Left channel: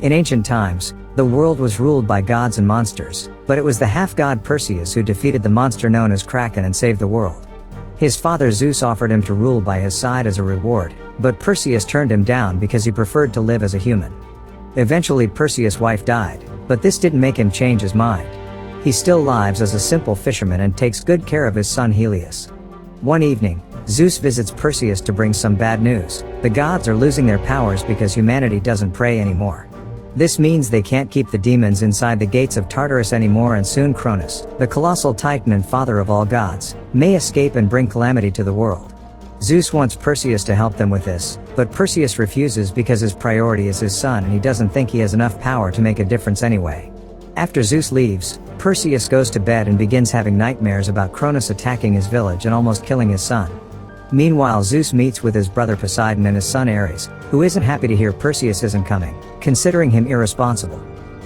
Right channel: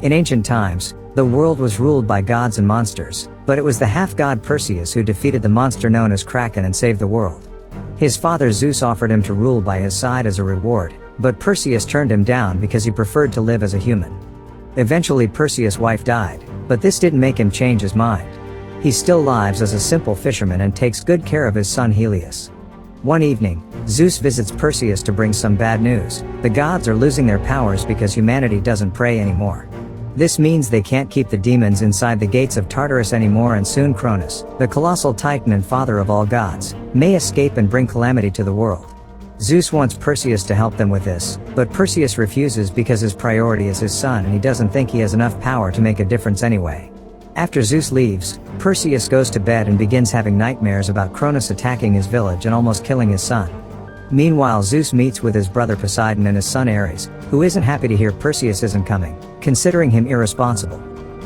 In ancient times, the world was ruled by gods and monsters, but it was the half-god Perseus who defeated the monster known as Kraken and saved the world. His father Zeus offered him to rule by his side as a reward, but Perseus turned him down because he preferred to live as a human. Eventually Perseus' wife died, but this didn't make him change his mind. He still lives as a simple fisherman and takes good care of his son Helius. One evening, Zeus visits Perseus to bring some bad news. The gods are losing their powers because humanity doesn't pray anymore. This means they can't keep the demons inside the gates of Tartarus anymore, and soon Kronos, the colossal titan and father of all gods, may escape and bring calamity to the world. Zeus wants Perseus to help them with this, but Perseus refuses because his priority is his son and he doesn't think he has enough power to make a difference anyway. After Zeus leaves, Perseus goes to bed and begins having nightmares about Kronos attacking his village and almost killing his son. Meanwhile, Zeus meets with his brother Poseidon and his son Ares, who isn't happy to hear Perseus isn't coming, considering him irresponsible.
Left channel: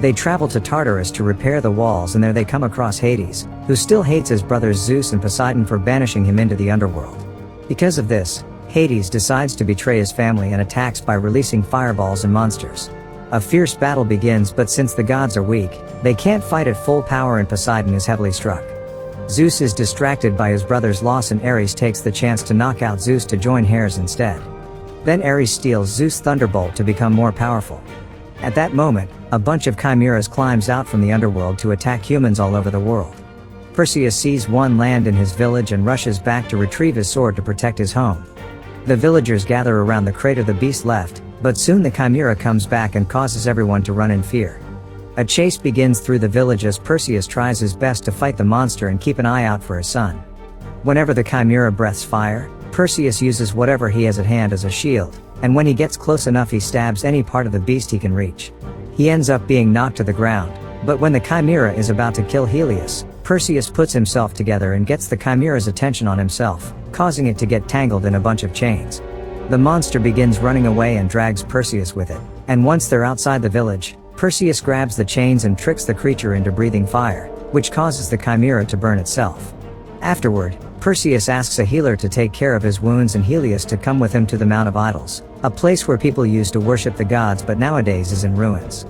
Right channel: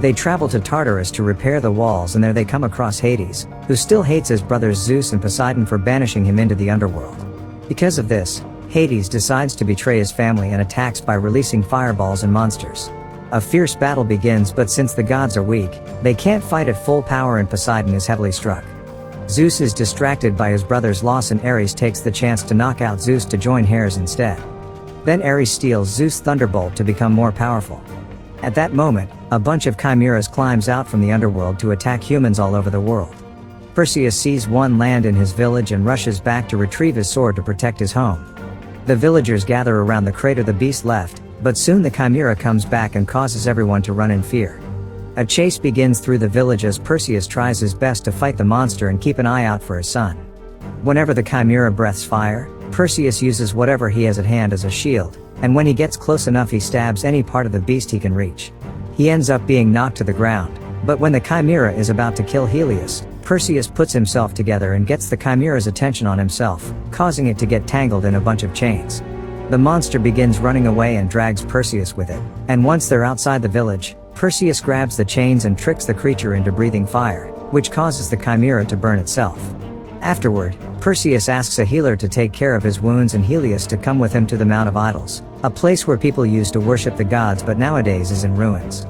They travel to Tartarus to repair the walls, and there they come across Hades, who still hates his brothers Zeus and Poseidon for banishing him into the underworld. Because of this, Hades decides to betray his family and attacks by releasing fireballs and monsters. A fierce battle begins, but since the gods are weak, they can't fight at full power and Poseidon is heavily struck. Zeus is distracted by his brother's loss and Ares takes the chance to knock out Zeus to join Hades instead. Then Ares steals Zeus' thunderbolt to become more powerful. At that moment, a bunch of chimeras climbs out from the underworld to attack humans all over the world. Perseus sees one land in his village and rushes back to retrieve his sword to protect his home. The villagers gather around the crater the beast left, but soon the chimera comes back and causes everyone to run in fear. A chase begins through the village as Perseus tries his best to fight the monster and keep an eye out for his son. Whenever the chimera breathes fire, Perseus uses whatever he has at hand as a shield, and when he gets close enough he stabs any part of the beast he can reach. He ends up being knocked to the ground, but when the chimera is about to kill Helius, Perseus puts himself together and gets the chimera's attention on himself, causing it to get tangled in a bunch of chains. The monster begins running away and drags Perseus with it, and once they're outside the village, Perseus grabs the chains and tricks the creature into breathing fire, which causes the chimera to burn itself. Afterward, Perseus asks a healer to take care of his wounds and Helius to come with him to the Mount of Idols, a place where people used to worship the gods but nowadays is in ruins.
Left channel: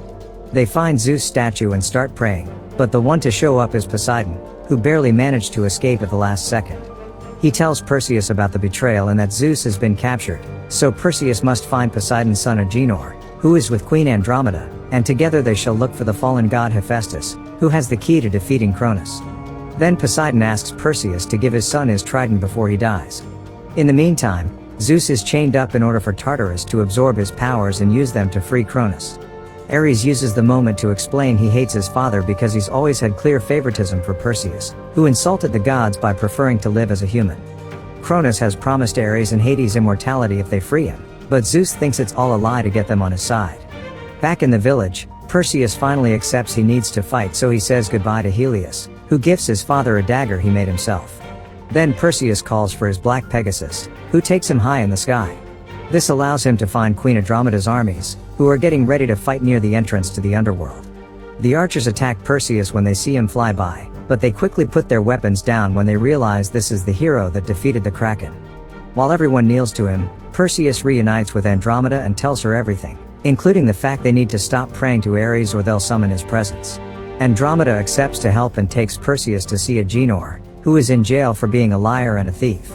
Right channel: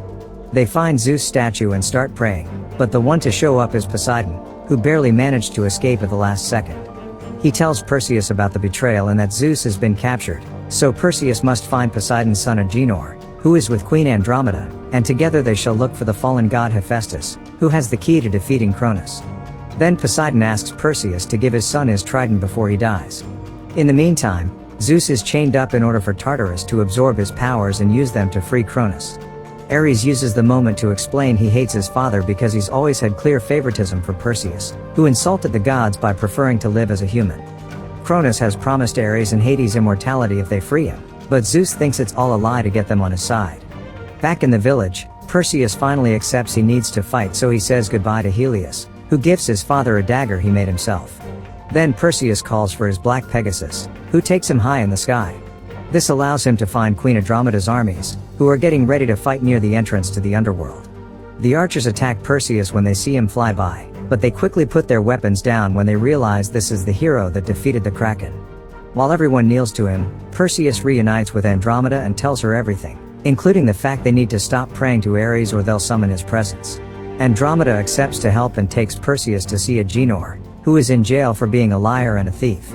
They find Zeus' statue and start praying, but the one to show up is Poseidon, who barely managed to escape at the last second. He tells Perseus about the betrayal and that Zeus has been captured, so Perseus must find Poseidon's son Argenor, who is with Queen Andromeda, and together they shall look for the fallen god Hephaestus, who has the key to defeating Kronos. Then Poseidon asks Perseus to give his son his trident before he dies. In the meantime, Zeus is chained up in order for Tartarus to absorb his powers and use them to free Kronos. Ares uses the moment to explain he hates his father because he's always had clear favoritism for Perseus, who insulted the gods by preferring to live as a human. Kronos has promised Ares and Hades immortality if they free him, but Zeus thinks it's all a lie to get them on his side. Back in the village, Perseus finally accepts he needs to fight, so he says goodbye to Helius, who gives his father a dagger he made himself. Then Perseus calls for his black Pegasus, who takes him high in the sky. This allows him to find Queen Andromeda's armies, who are getting ready to fight near the entrance to the underworld. The archers attack Perseus when they see him fly by, but they quickly put their weapons down when they realize this is the hero that defeated the Kraken. While everyone kneels to him, Perseus reunites with Andromeda and tells her everything, including the fact they need to stop praying to Ares or they'll summon his presence. Andromeda accepts to help and takes Perseus to see Argenor, who is in jail for being a liar and a thief.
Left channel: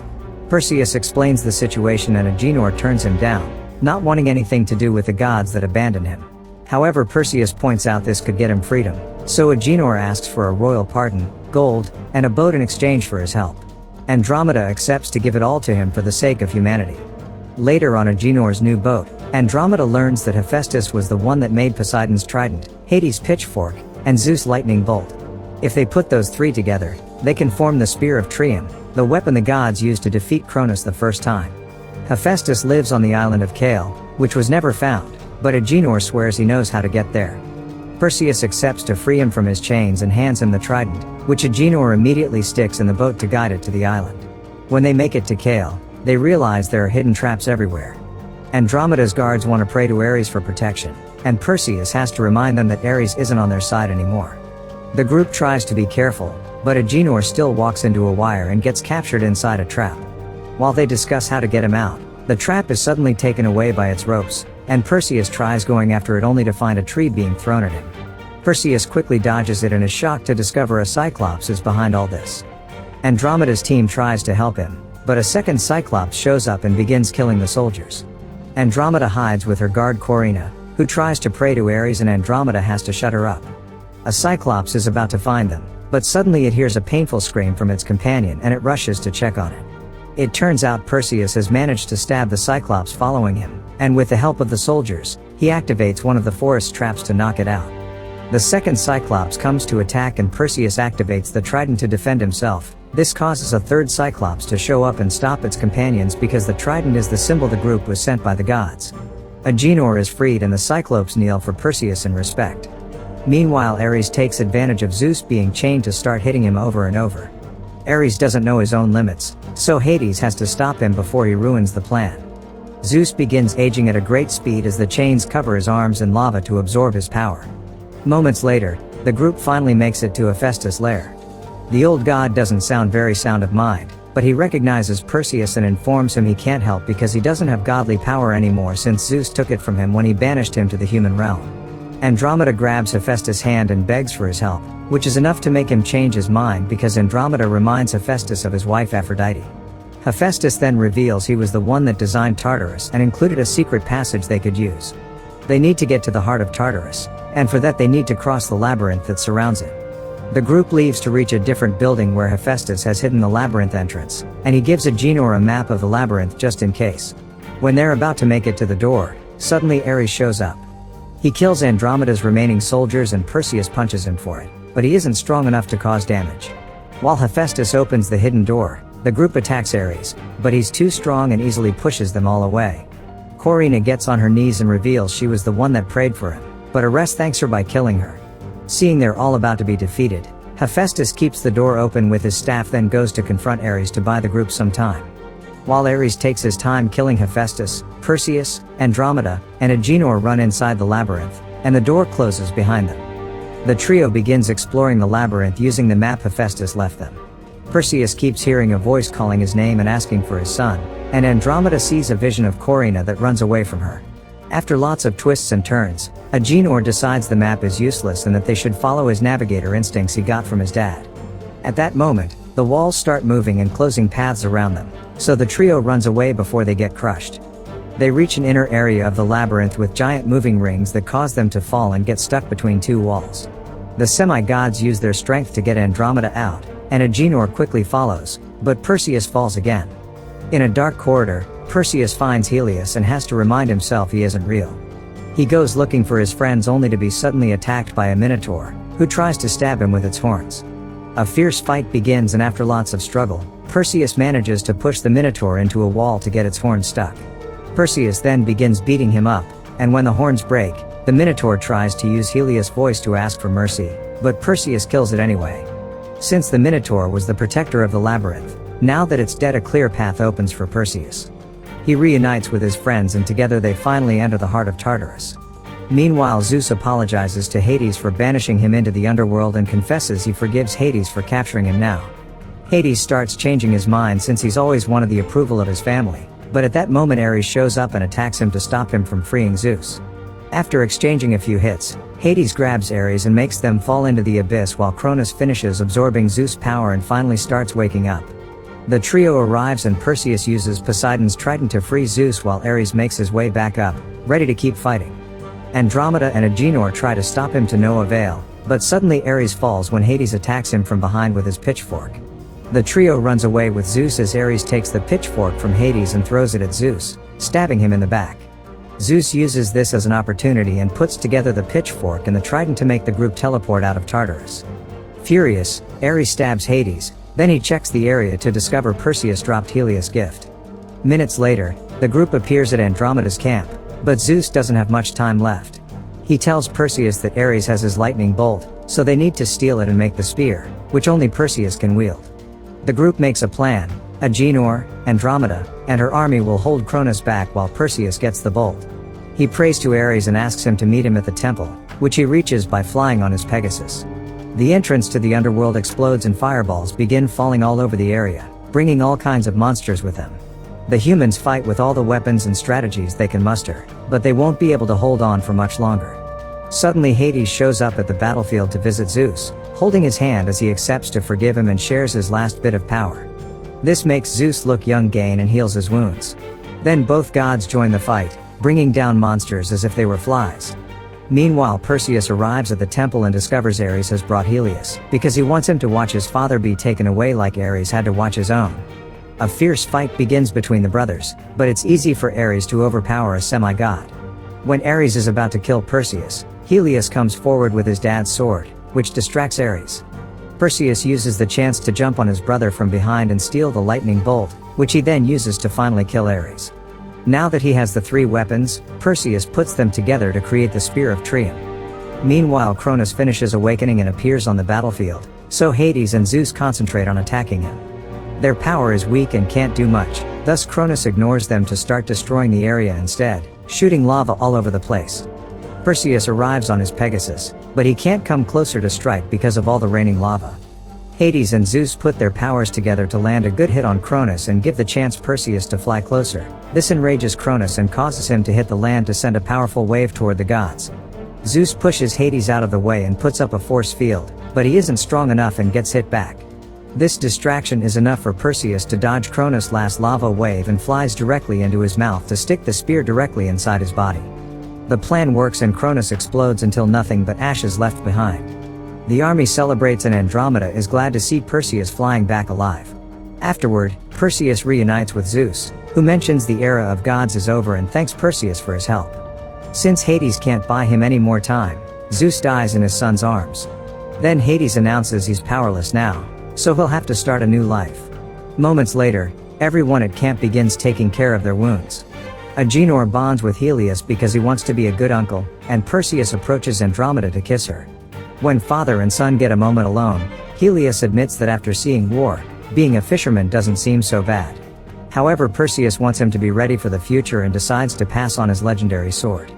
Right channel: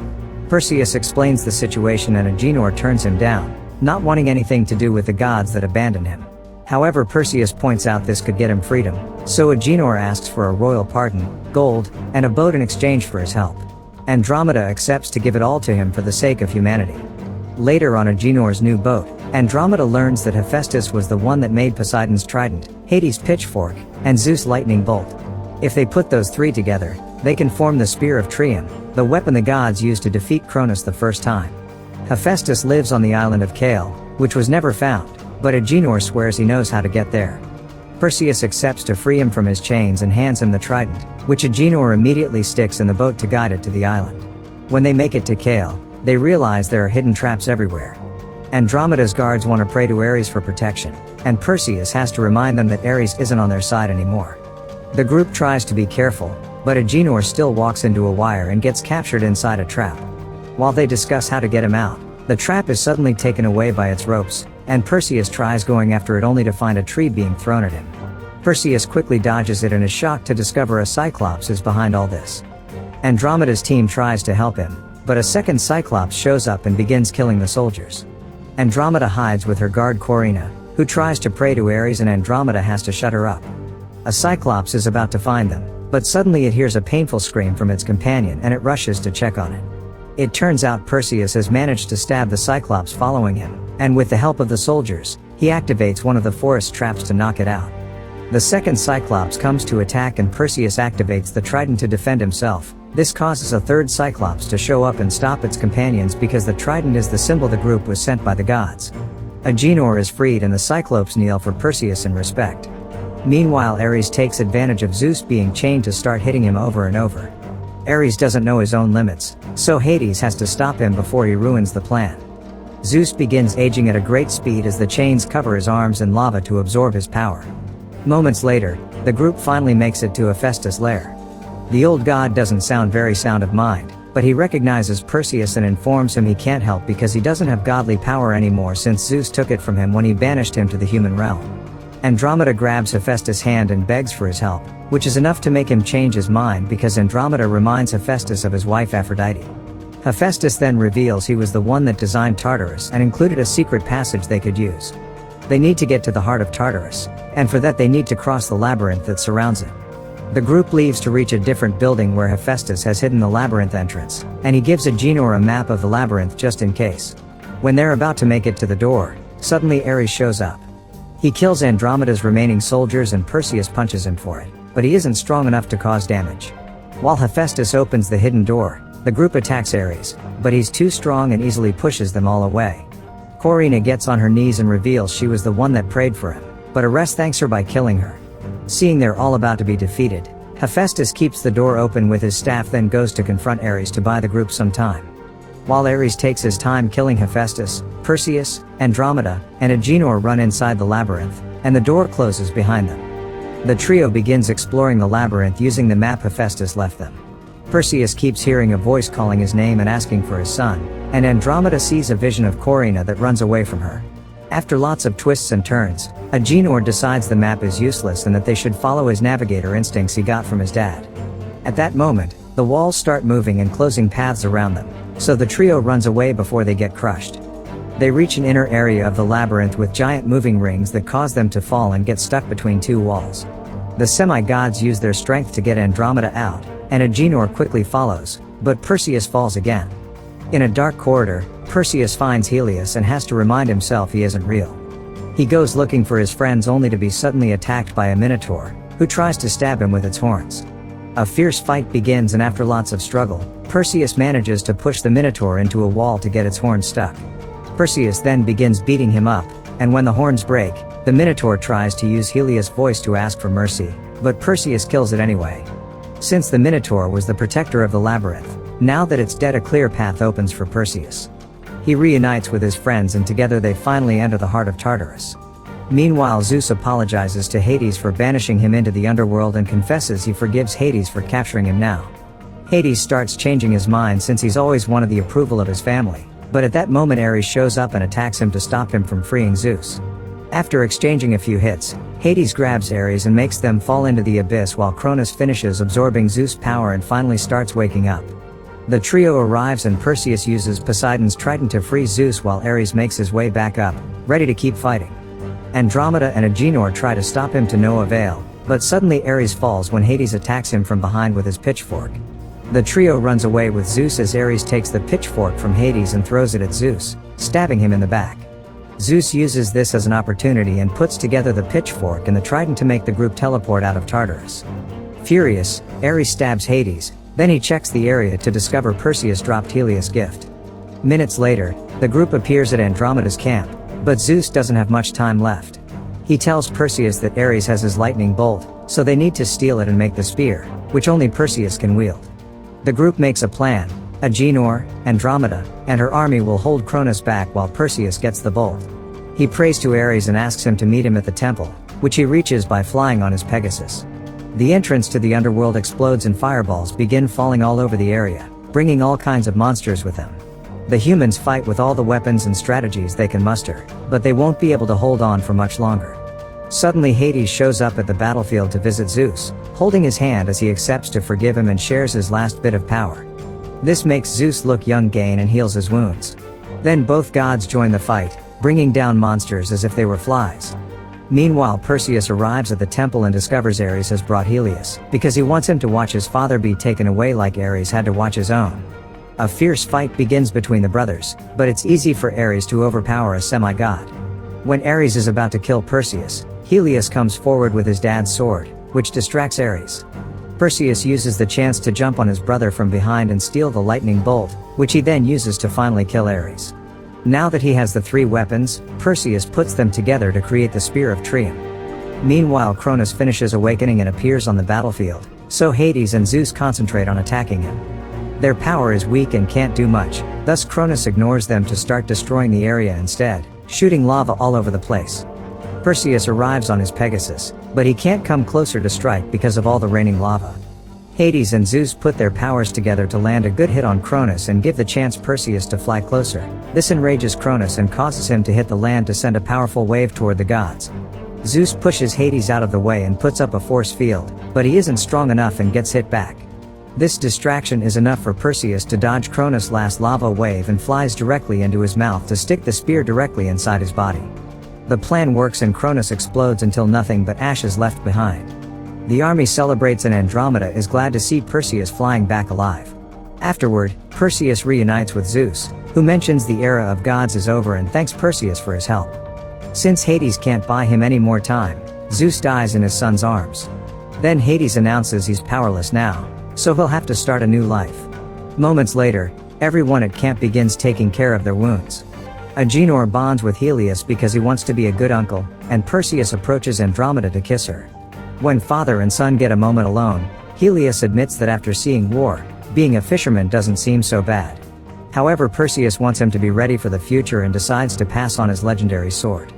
Perseus explains the situation and Argenor turns him down, not wanting anything to do with the gods that abandoned him. However, Perseus points out this could get him freedom, so Argenor asks for a royal pardon, gold, and a boat in exchange for his help. Andromeda accepts to give it all to him for the sake of humanity. Later on Argenor's new boat, Andromeda learns that Hephaestus was the one that made Poseidon's trident, Hades' pitchfork, and Zeus' lightning bolt. If they put those three together, they can form the Spear of Trium, the weapon the gods used to defeat Kronos the first time. Hephaestus lives on the island of Kale, which was never found, but Argenor swears he knows how to get there. Perseus accepts to free him from his chains and hands him the trident, which Argenor immediately sticks in the boat to guide it to the island. When they make it to Kale, they realize there are hidden traps everywhere. Andromeda's guards want to pray to Ares for protection, and Perseus has to remind them that Ares isn't on their side anymore. The group tries to be careful, but Argenor still walks into a wire and gets captured inside a trap. While they discuss how to get him out, the trap is suddenly taken away by its ropes, and Perseus tries going after it only to find a tree being thrown at him. Perseus quickly dodges it and is shocked to discover a Cyclops is behind all this. Andromeda's team tries to help him, but a second Cyclops shows up and begins killing the soldiers. Andromeda hides with her guard Corinna, who tries to pray to Ares, and Andromeda has to shut her up. A Cyclops is about to find them, but suddenly it hears a painful scream from its companion and it rushes to check on it. It turns out Perseus has managed to stab the Cyclops following him, and with the help of the soldiers, he activates one of the forest traps to knock it out. The second Cyclops comes to attack and Perseus activates the trident to defend himself. This causes a third Cyclops to show up and stop its companions because the trident is the symbol the group was sent by the gods. Argenor is freed and the Cyclopes kneel for Perseus in respect. Meanwhile, Ares takes advantage of Zeus being chained to start hitting him over and over. Ares doesn't know his own limits, so Hades has to stop him before he ruins the plan. Zeus begins aging at a great speed as the chains cover his arms in lava to absorb his power. Moments later, the group finally makes it to Hephaestus' lair. The old god doesn't sound very sound of mind, but he recognizes Perseus and informs him he can't help because he doesn't have godly power anymore since Zeus took it from him when he banished him to the human realm. Andromeda grabs Hephaestus' hand and begs for his help, which is enough to make him change his mind because Andromeda reminds Hephaestus of his wife Aphrodite. Hephaestus then reveals he was the one that designed Tartarus and included a secret passage they could use. They need to get to the heart of Tartarus, and for that they need to cross the labyrinth that surrounds it. The group leaves to reach a different building where Hephaestus has hidden the labyrinth entrance, and he gives Argenor a map of the labyrinth just in case. When they're about to make it to the door, suddenly Ares shows up. He kills Andromeda's remaining soldiers and Perseus punches him for it, but he isn't strong enough to cause damage. While Hephaestus opens the hidden door, the group attacks Ares, but he's too strong and easily pushes them all away. Corinna gets on her knees and reveals she was the one that prayed for him, but Ares thanks her by killing her. Seeing they're all about to be defeated, Hephaestus keeps the door open with his staff, then goes to confront Ares to buy the group some time. While Ares takes his time killing Hephaestus, Perseus, Andromeda, and Argenor run inside the labyrinth, and the door closes behind them. The trio begins exploring the labyrinth using the map Hephaestus left them. Perseus keeps hearing a voice calling his name and asking for his son, and Andromeda sees a vision of Corinna that runs away from her. After lots of twists and turns, Argenor decides the map is useless and that they should follow his navigator instincts he got from his dad. At that moment, the walls start moving and closing paths around them, so the trio runs away before they get crushed. They reach an inner area of the labyrinth with giant moving rings that cause them to fall and get stuck between two walls. The semi-gods use their strength to get Andromeda out, and Argenor quickly follows, but Perseus falls again. In a dark corridor, Perseus finds Helius and has to remind himself he isn't real. He goes looking for his friends only to be suddenly attacked by a minotaur, who tries to stab him with its horns. A fierce fight begins, and after lots of struggle, Perseus manages to push the minotaur into a wall to get its horns stuck. Perseus then begins beating him up, and when the horns break, the minotaur tries to use Helius' voice to ask for mercy, but Perseus kills it anyway. Since the minotaur was the protector of the labyrinth, now that it's dead, a clear path opens for Perseus. He reunites with his friends and together they finally enter the heart of Tartarus. Meanwhile, Zeus apologizes to Hades for banishing him into the underworld and confesses he forgives Hades for capturing him now. Hades starts changing his mind since he's always wanted the approval of his family, but at that moment Ares shows up and attacks him to stop him from freeing Zeus. After exchanging a few hits, Hades grabs Ares and makes them fall into the abyss while Kronos finishes absorbing Zeus' power and finally starts waking up. The trio arrives and Perseus uses Poseidon's trident to free Zeus while Ares makes his way back up, ready to keep fighting. Andromeda and Argenor try to stop him to no avail, but suddenly Ares falls when Hades attacks him from behind with his pitchfork. The trio runs away with Zeus as Ares takes the pitchfork from Hades and throws it at Zeus, stabbing him in the back. Zeus uses this as an opportunity and puts together the pitchfork and the trident to make the group teleport out of Tartarus. Furious, Ares stabs Hades, then he checks the area to discover Perseus dropped Helios' gift. Minutes later, the group appears at Andromeda's camp, but Zeus doesn't have much time left. He tells Perseus that Ares has his lightning bolt, so they need to steal it and make the spear, which only Perseus can wield. The group makes a plan. Argenor, Andromeda, and her army will hold Kronos back while Perseus gets the bolt. He prays to Ares and asks him to meet him at the temple, which he reaches by flying on his Pegasus. The entrance to the underworld explodes and fireballs begin falling all over the area, bringing all kinds of monsters with them. The humans fight with all the weapons and strategies they can muster, but they won't be able to hold on for much longer. Suddenly Hades shows up at the battlefield to visit Zeus, holding his hand as he accepts to forgive him and shares his last bit of power. This makes Zeus look young again and heals his wounds. Then both gods join the fight, bringing down monsters as if they were flies. Meanwhile, Perseus arrives at the temple and discovers Ares has brought Helius, because he wants him to watch his father be taken away like Ares had to watch his own. A fierce fight begins between the brothers, but it's easy for Ares to overpower a semi-god. When Ares is about to kill Perseus, Helius comes forward with his dad's sword, which distracts Ares. Perseus uses the chance to jump on his brother from behind and steal the lightning bolt, which he then uses to finally kill Ares. Now that he has the three weapons, Perseus puts them together to create the Spear of Triumph. Meanwhile, Kronos finishes awakening and appears on the battlefield, so Hades and Zeus concentrate on attacking him. Their power is weak and can't do much, thus Kronos ignores them to start destroying the area instead, shooting lava all over the place. Perseus arrives on his Pegasus, but he can't come closer to strike because of all the raining lava. Hades and Zeus put their powers together to land a good hit on Kronos and give the chance Perseus to fly closer. This enrages Kronos and causes him to hit the land to send a powerful wave toward the gods. Zeus pushes Hades out of the way and puts up a force field, but he isn't strong enough and gets hit back. This distraction is enough for Perseus to dodge Kronos' last lava wave and flies directly into his mouth to stick the spear directly inside his body. The plan works and Kronos explodes until nothing but ash is left behind. The army celebrates and Andromeda is glad to see Perseus flying back alive. Afterward, Perseus reunites with Zeus, who mentions the era of gods is over and thanks Perseus for his help. Since Hades can't buy him any more time, Zeus dies in his son's arms. Then Hades announces he's powerless now, so he'll have to start a new life. Moments later, everyone at camp begins taking care of their wounds. Argenor bonds with Helius because he wants to be a good uncle, and Perseus approaches Andromeda to kiss her. When father and son get a moment alone, Helius admits that after seeing war, being a fisherman doesn't seem so bad. However, Perseus wants him to be ready for the future and decides to pass on his legendary sword.